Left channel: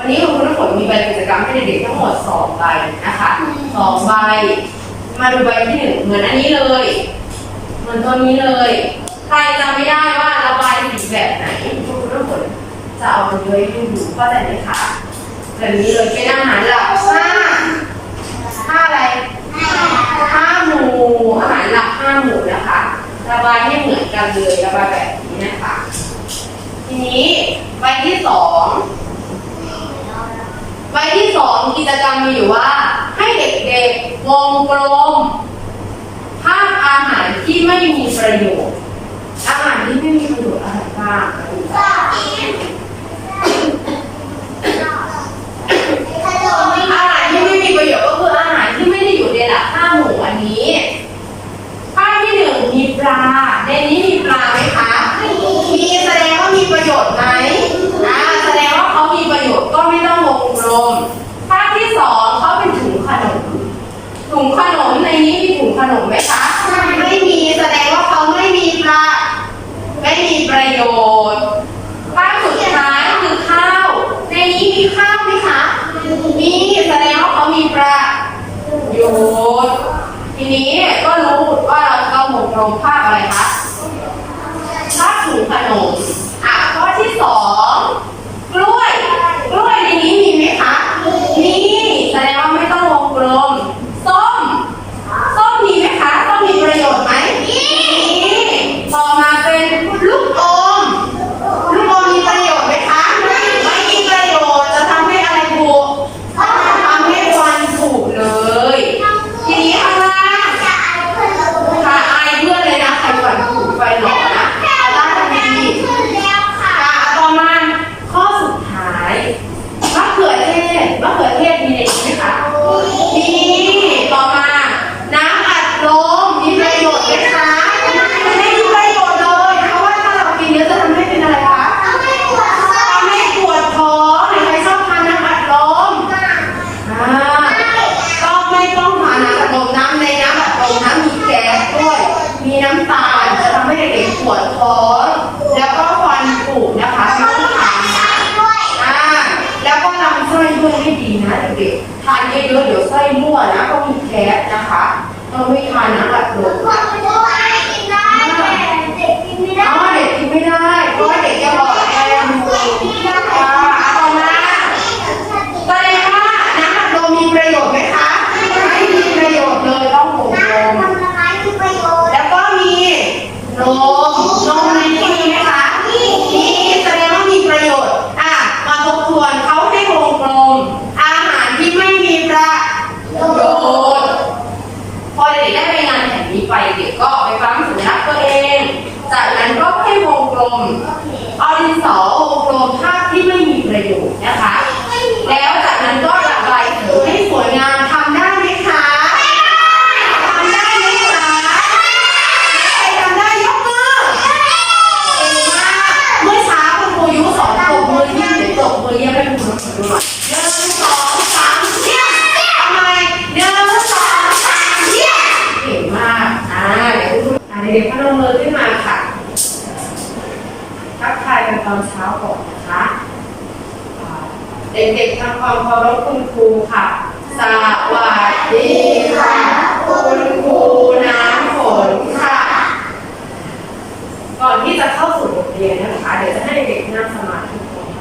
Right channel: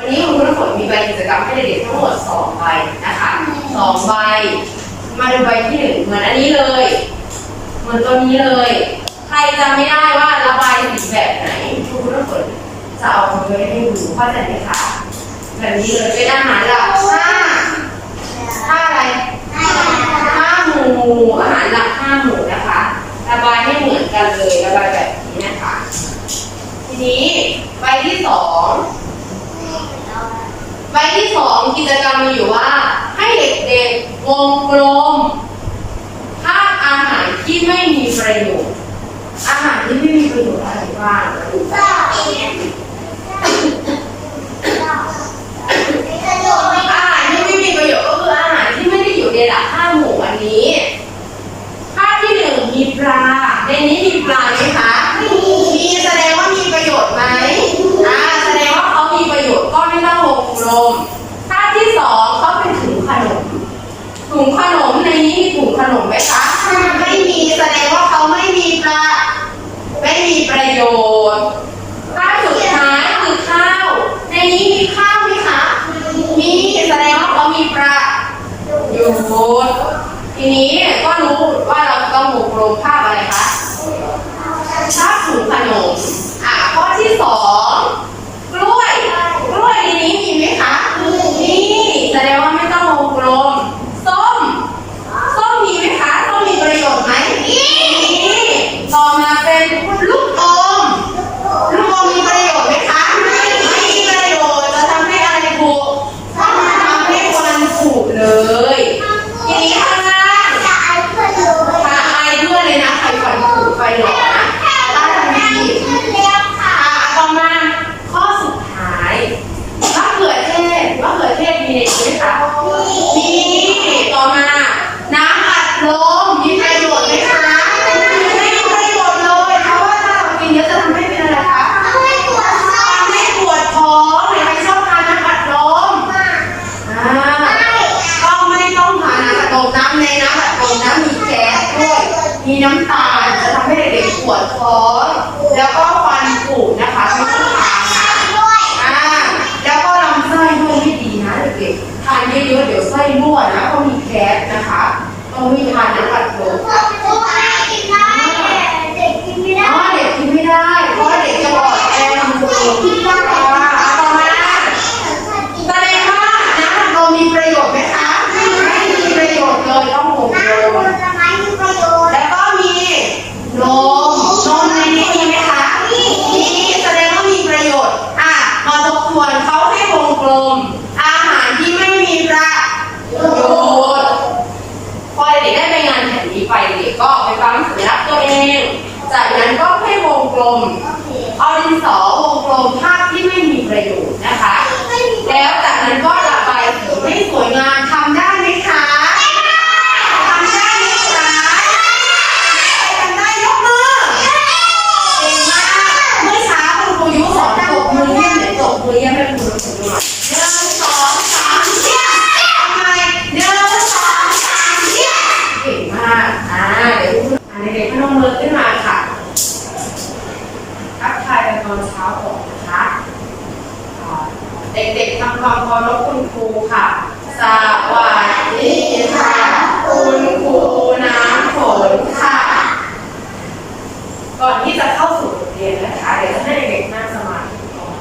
วันนี้คุณครูน้ำฝนมีใบกิจกรรมให้เด็กๆทั้งหมดสองใบนะคะสองใบ มาดูใบที่หนึ่งเหมือนอันนี้เลย เหมือนตัวนี้เลย ใครจำไม่ได้ว่าระบายสีแบบไหนคุณครูน้ำฝนจะเอามาเลยให้ดูเข้าใจไหมคะแบบนี้เลยเป็นอาหารหลักห้าห้าอะไรห้าหมู่อาหารหลักห้าหมู่นะคะระบายให้เหมือนกันเลยระบายแบบนี้นะคะ ทีนี้ใบที่สอง ใบที่สองกิจกรรมมีอยู่ว่า ให้เด็กๆวงกลมภาพอาหารที่ไม่มีประโยชน์ อาหารที่ไม่มีประโยชน์อะไรบ้างมาดูกันอาหารที่ไม่มีประโยชน์ก็คืออาหารที่ไม่ได้อยู่ในหลักห้าหมู่อันนี้ ภาพที่หนึ่งมีปลา ในนี้มีปลาไหมคะ มีแสดงว่ามีประโยชน์ไหมอ่าแสดงว่าเขามีประโยชน์ก็ไม่ต้องวงกลม ภาพที่สองเขาเป็นถุงขนม ถุงขนมในนี้มีถุงขนมไหมคะ ไม่มีแสดงว่าเขาไม่มีปลาไม่มีประโยชน์ภาพสุดท้ายคือข้าว ในนี้มีข้าวไหมคะ มีแสดงว่าเขามีประโยชน์ทีนี้ก็รู้ว่าเราต้องวงกลมภาพอะไรคะ ชอบถุงขนม อะข้อที่สองกล้วย กล้วยในนี้มีไหมคะ มี แสดงว่าไม่ต้องวงกลม ส้ม ส้มมีไหมคะ ส้มมีประโยชน์ไหมมี ต่อมาเป็นลูกอม ลูกอมมีประโยชน์ไหมคะ ไม่มีประโยชน์ จะทำให้อะไรบุกทำให้ควันบุกเลย ทีนี้ข้างล่าง ถ้าอายเพื่อนเลยนะใครฝันถูกไฟหลอกนะต้านทันทีค่ะต่อมาข้อสุดท้ายมะเขือเทศมะเขือเทศมีในนี้ไหมคะมีต่อมา น้ำอัดลมมีประโยชน์ไหมคะไม่มีประโยชน์เลยเพราะว่าถ้าเรากินเยอะจะทำให้เป็นอะไรคะทำให้ปวดท้องหรือใครชอบทานน้ำอัดลมอ่า ก็ไม่ต้องทานน้ำอัดลมน้ำในน้ำอัดลมน้ำมีแก๊สด้วย มีน้ำตาลจะทำให้เด็กๆปวดท้อง แล้วก็ฟันผุนะคะไม่ต้องทานนะอ่าแล้วก็ลำไส้ด้วยไม่ดีนะ เด็กๆทานเยอะๆเดี๋ยวไส้รั่วนะก็มีแก๊สนะคะต้องไม่ทานน้ำอัดลมอ๋อเด็กกินไม่ได้เพราะว่าเด็กจะอ่อนแอมือค่ะต่อมาแสดงว่าน้ำอัดลมมีประโยชน์ไหมคะ ไม่มีประโยชน์เลยต้องวงกลมแล้วก็มีนมนมในนี้มีไหมคะ มีแสดงว่ามีประโยชน์ อะ มาทบทวนเขาให้วงกลม อาหารที่ไม่มีประโยชน์ พอเด็กๆได้ไปงานแผ่นนี้ไปเด็กก็ไปฟังสัญลักษณ์ตัวเอง จากนั้นก็ให้วงกลม เอาดินสอวงกลมภาพที่ไม่มีประโยชน์นะคะ แล้วจากนั้นก็ระบายสีให้สวยงามทำได้ไหมคะทำได้ไหมคะใครทำได้ยกมือเก่งมากเมื่อเช้าคุณครูยุสอนปรบมือเยี่ยมเดี๋ยวปรบมือเยี่ยมให้คุณครูดูหน่อยหนึ่งสองสามเยี่ยมทำไมหนึ่งสองสามเยี่ยมเก่งมากอ่าเดี๋ยวคุณอ่าเด็กๆพนมมือขึ้นมาค่ะ ทักทายกันตอนเช้าก่อนนะคะอ่าเด็กๆทำความเคารพคุณครูค่ะ สวัสดีค่ะ คุณครูน้ำฝนค่ะ ก่อนที่จะเข้าสู่บทเรียนนะคะเดี๋ยวจะให้เด็กๆนั่งสมาธิก่อน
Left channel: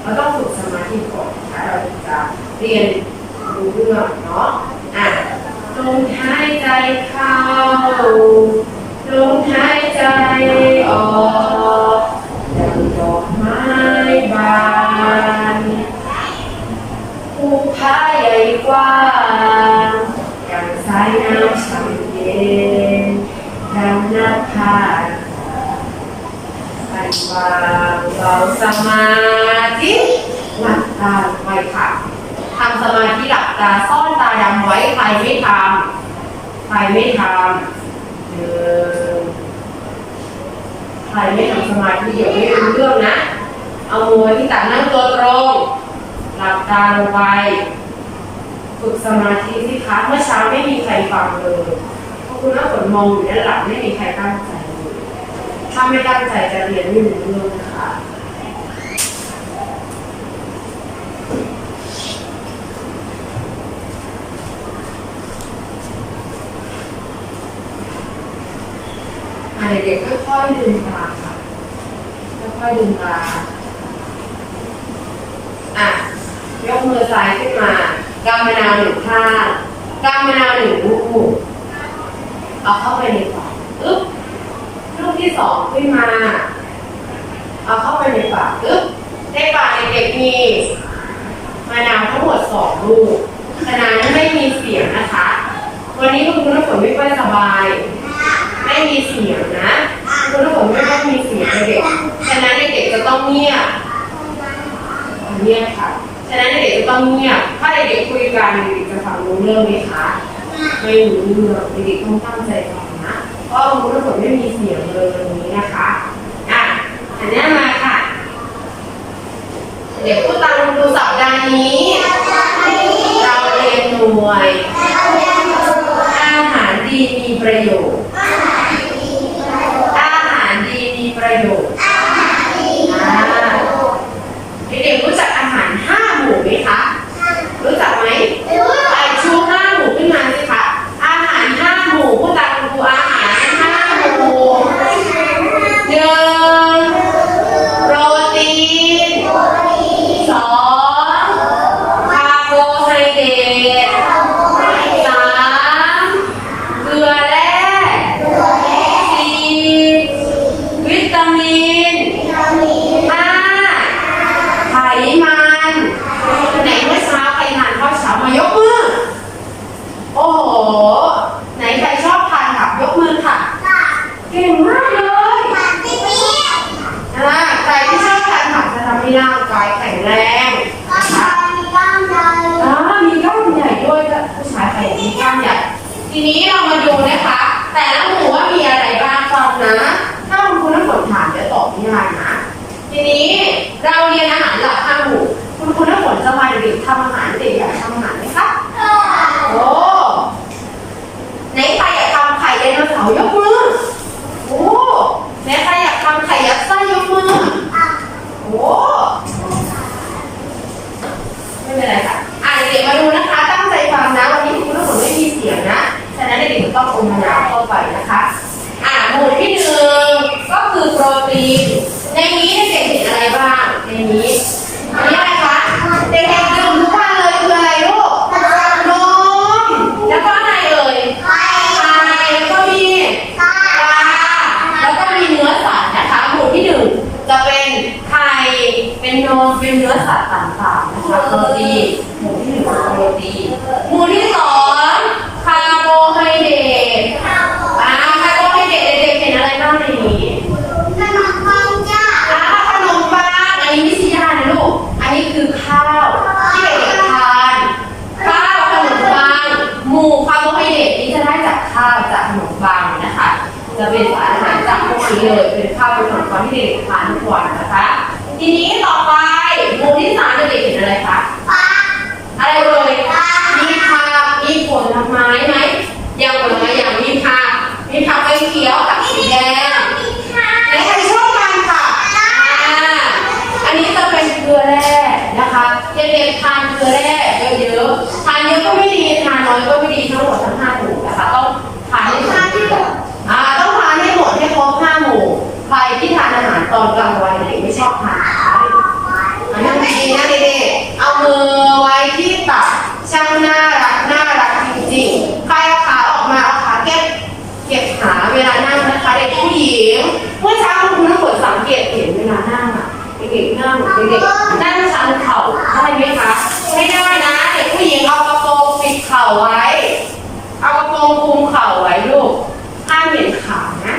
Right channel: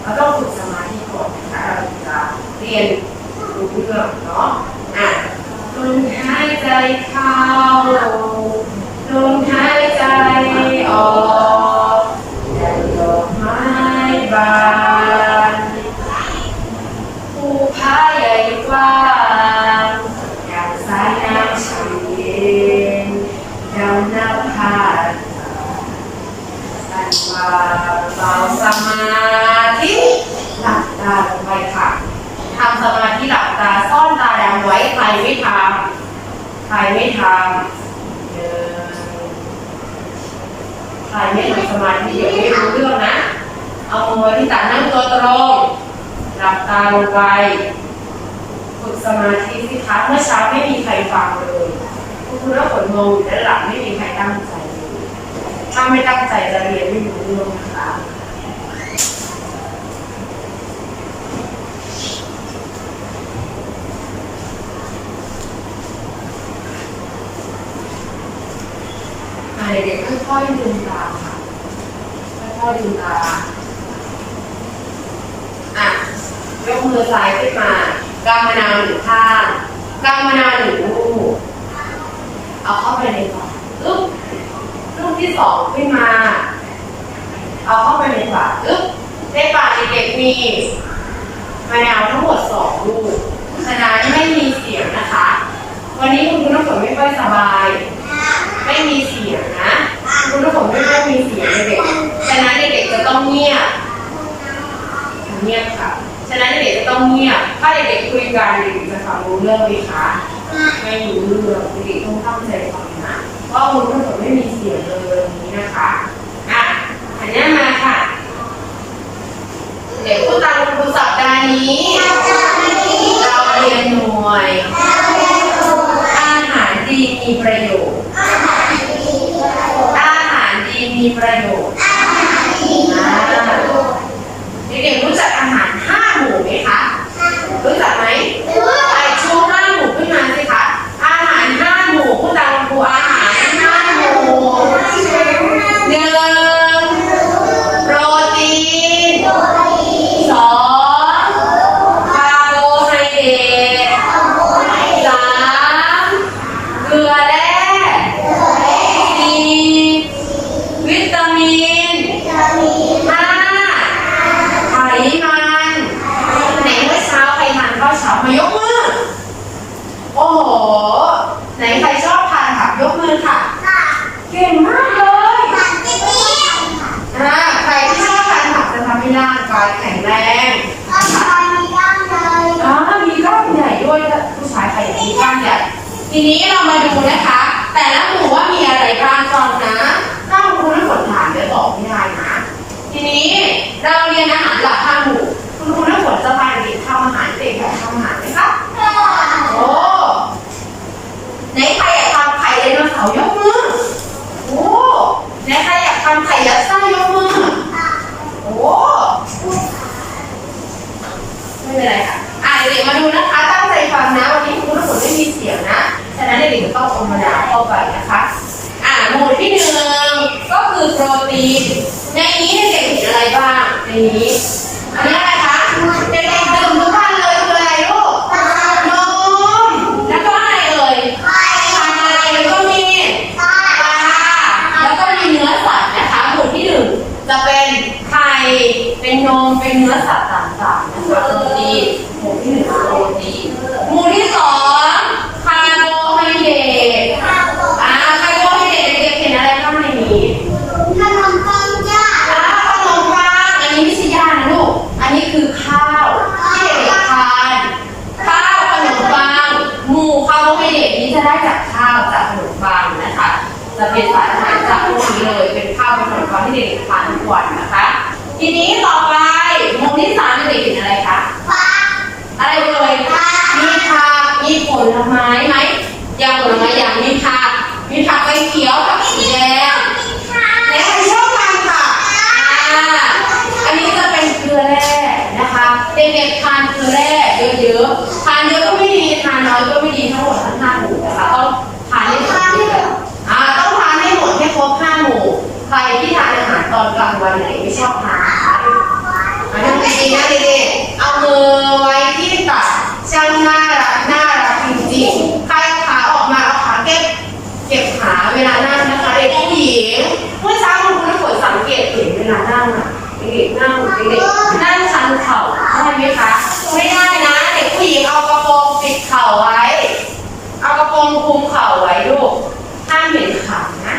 เราต้องฝึกสมาธิก่อนนะคะเราจะเรียนรู้เรื่องเนาะอะลมหายใจเข้าลมหายใจออก เบาสมาธิหลับตาลงไปค่ะทำสมาธิหลับตาซ่อนตาดำไว้ใครไม่ทำใครไม่ทำใครไม่ทำสมาธิเดี๋ยวไม่รู้เรื่องนะ เอามือที่ตักนั่งตัวตรง หลับตาลงไปฝึกสมาธิสิคะเมื่อเช้าไม่มีใครฟังเลยพราะคุณน้าฝนมองอยู่ด้านหลังไม่มีใครตั้งใจ ถ้าไม่ตั้งใจจะเรียนไม่รู้เรื่องนะคะเด็กๆค่อยๆดึงตาค่ะ ค่อยๆดึงตา อะ ยกมือซ้ายขึ้นมากำมะนาวหนึ่งข้างกำมะนาวหนึ่งลูกเอาเข้าไปในก่องอึ๊บ ที่สองขึ้นมา เอาเข้าไปในปากอึ๊บในปากเด็กๆมีมะนาวทั้งหมดสองลูกฉะนั้นไม่มีเสียงนะคะ วันนี้คุณครูน้ำฝนไม่ค่อยสบาย ไม่มีเสียงนะคุณน้ำฝนไม่ค่อยมีเสียงเด็กฉะนั้นเด็กๆจะต้องเงียบเงียบค่ะ ฉะนั้นเด็กจะต้องเงียบ ถ้าเด็กๆคุยกันเด็กๆจะฟังรู้เรื่องไหมคะ ไม่รู้เรื่องเด็กๆต้องตั้งใจฟังนะ เพราะคุณทั้งหมดไม่มีเสียงเลยวันนี้นะคะอะอันนี้มาค่ะ เด็กพูดตามคุณครูสัปดาห์นี้ เราเรียนหน่วย อาหารดีมีประโยชน์ อาหารดีมีประโยชน์เด็กๆรู้จักอาหารห้าานผักจะทำให้ร่างกายแข็งแรงอ๋อมีกล้ามใหญ่ด้วยผู้ชายใครอยากมีกล้ามใหญ่ ทีนี้เรามาดูนะคะ แต่ละหมู่ว่ามีอะไรบ้างฟังนะถ้าคุณครูน้ำฝนถามเดี๋ยวตอบไม่ได้นะ ทีนี้เราเรียนอาหารหลักห้าหมู่ คุณครูน้ำฝนจะพาเด็กๆทำอาหารเด็กอยากทำอาหารไหมคะ โอ้ไหนใครอยากทำไข่ไดโนเสาร์ยกมือ โอ้ไหนใครอยากทำไข่ยัดไส้ยกมือ โอ้ ไม่เป็นไรค่ะ อะเด็กๆมาดูนะคะ ตั้งใจฟังนะ วันนี้คุณทุกคนไม่มีเสียงนะ ฉะนั้นเด็กๆจะต้องอมมะนาวเข้าไปนะคะ อะหมู่ที่หนึ่งก็คือโปรตีน ในนี้เด็กๆเห็นอะไรบ้าง ในนี้อันนี้อะไรคะ เด็กๆดื่มทุกวันเลยคืออะไรลูก นม แล้วก็อะไรเอ่ย ไข่แล้วก็มีปลา แล้วก็มีเนื้อสัตว์นะคะ หมู่ที่หนึ่งจะเป็นไข่ เป็นนม เป็นเนื้อสัตว์ ต่างๆนะคะโปรตีนหมู่ที่หนึ่งคือโปรตีนหมู่ที่สองคาร์โบไฮเดรตอ่าคาร์โบไฮเดรตเด็กๆเห็นอะไรบ้างในนี้อ่าขนมปังอันนี้ไม่ใช่ยานะลูกอันนี้คือข้าวที่เด็กๆทานข้าวขนมปังหมู่คาร์โบไฮเดรตนี้จะได้จากข้าวจากขนมปังนะคะ จะเป็นสารอาหารจากพวกนี้เลยเป็นข้าวเป็นขนมปังที่เด็กๆทานทุกวันนะคะ ทีนี้ต่อไป หมู่ที่สามเด็กๆเห็นอะไรคะอะไรเอ่ยมีผักมีผลไม้ไหมอย่างผลไม้อย่างมีผักมีผักใบเขียวผักสีแดงไหนใครชอบทานค่ะอ่าอันนี้จะเป็นเกลือแร่นะคะเด็กๆทานเกลือแร่เยอะๆทานเยอะก็ไม่ดีทานน้อยก็ไม่ดีทั้งหมดทั้งห้าหมู่นะคะต้องทานให้หมดอ่าต้องทานให้หมดให้ครบห้าหมู่ใครที่ทานอาหารตอนกลางวันเด็กๆไม่ชอบทาน นะคะอันนั้นดีๆนะเด็กๆเอามือไว้ที่ตักช่างน่ารักน่ารักจริงๆใครเอาขาออกมาเอาขาเก็บเก็บขาเวลานั่งนะคะเด็กผู้หญิงเมื่อเช้าคุณครูน้ำฝนสังเกตเห็นเวลานั่งอะเด็กๆนั่งเด็กๆนั่งชันเข่าได้ไหมคะไม่ได้นะ เด็กผู้หญิงเอากระโปรงปิดเข่าไว้ เอากระโปรงคลุมเข่าไว้ลูกห้ามเห็นขานะ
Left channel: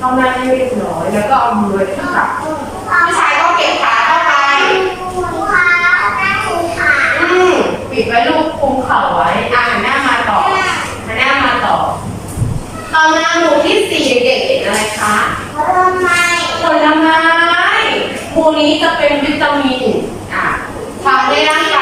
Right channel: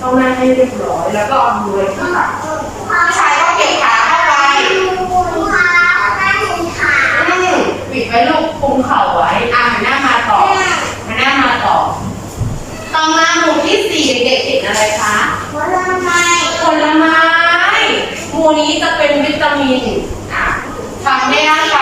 ต้องนั่งให้เรียบร้อยแล้วก็เอามือไว้ที่ตักผู้ชายก็เก็บขาเข้าไปอืมปิดไว้ลูกคลุมเข่าไว้อะหันหน้ามาต่อหันหน้ามาต่อ ต่อมาหมู่ที่สี่เด็กๆเห็นอะไรคะ ผลไม้ หมู่นี้จะเป็นวิตามิน อะ ทำให้ร่างกาย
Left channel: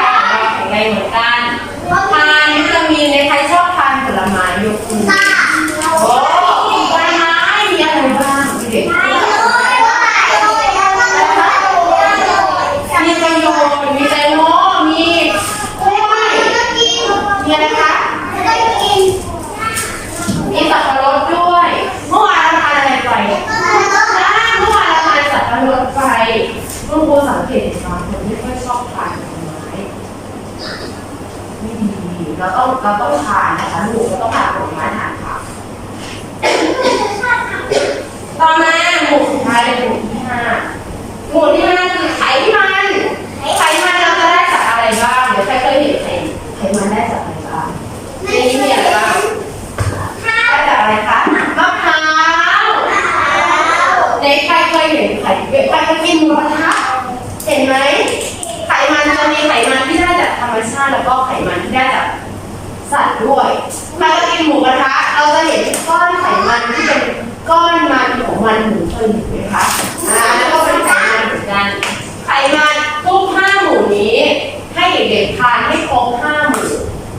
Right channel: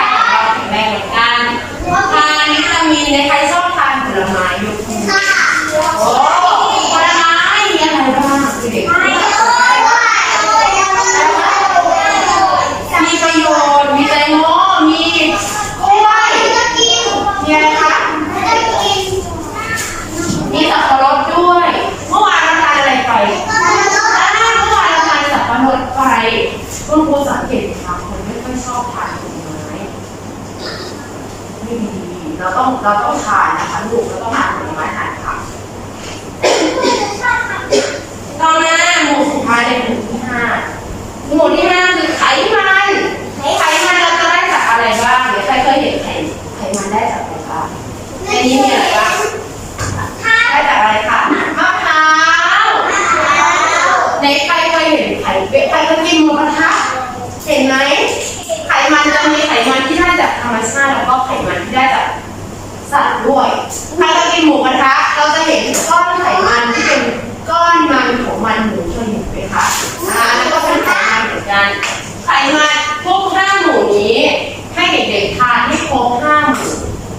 คุณครูสังเกตบางคนไม่ค่อยชอบทานผลไม้ไม่ดีเราต้องเราต้องทานนะคะลูกเราต้องทานผลไม้ทานค่ะตอนหน้าหมู่สุดท้ายเป็นหมู่ที่ห้าหมู่ที่ห้าคือไขมัน ของมันหมูเคยเห็นไหมคะอ่าแล้วก็เป็นไขมันเหมือนกันไขมันทุกห้าหมู่นี้ ให้เด็กๆทานให้ครบห้าหมู่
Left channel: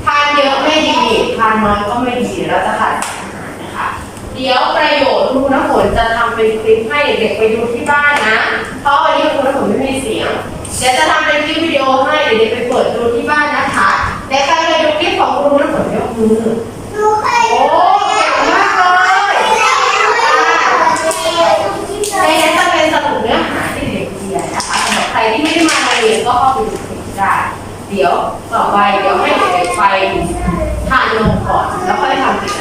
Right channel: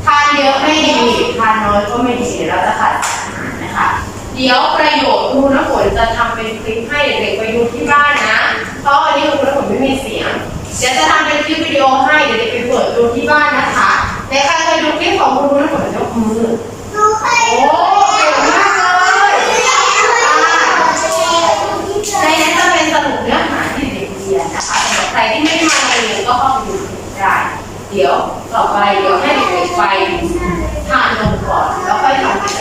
ทานเยอะไม่ดีทานน้อยก็ไม่ดีเราจะขาดสารอาหารนะคะ เดี๋ยวประโยชน์ครูน้ำฝนจะทำเป็นคลิปให้เด็กๆไปดูที่บ้านนะเพราะวันนี้ครูน้ำฝนไม่มีเสียงเดี๋ยวจะทำเป็นคลิปวิดีโอให้เด็กๆไปเปิดดูที่บ้านนะคะแต่ใครเคยดูคลิปของครูน้ำฝนยกมือ โอ้เก่งมากเลยในนี้จะเป็นสรุปเนื้อหาที่เด็กเรียนนะคะสำหรับใครที่ไม่ได้มาเรียน ก็เข้าไปดูผลได้ เดี๋ยวต่อไปเดี๋ยวให้เด็กไปทานนมก่อน แล้วค่อยทำกิ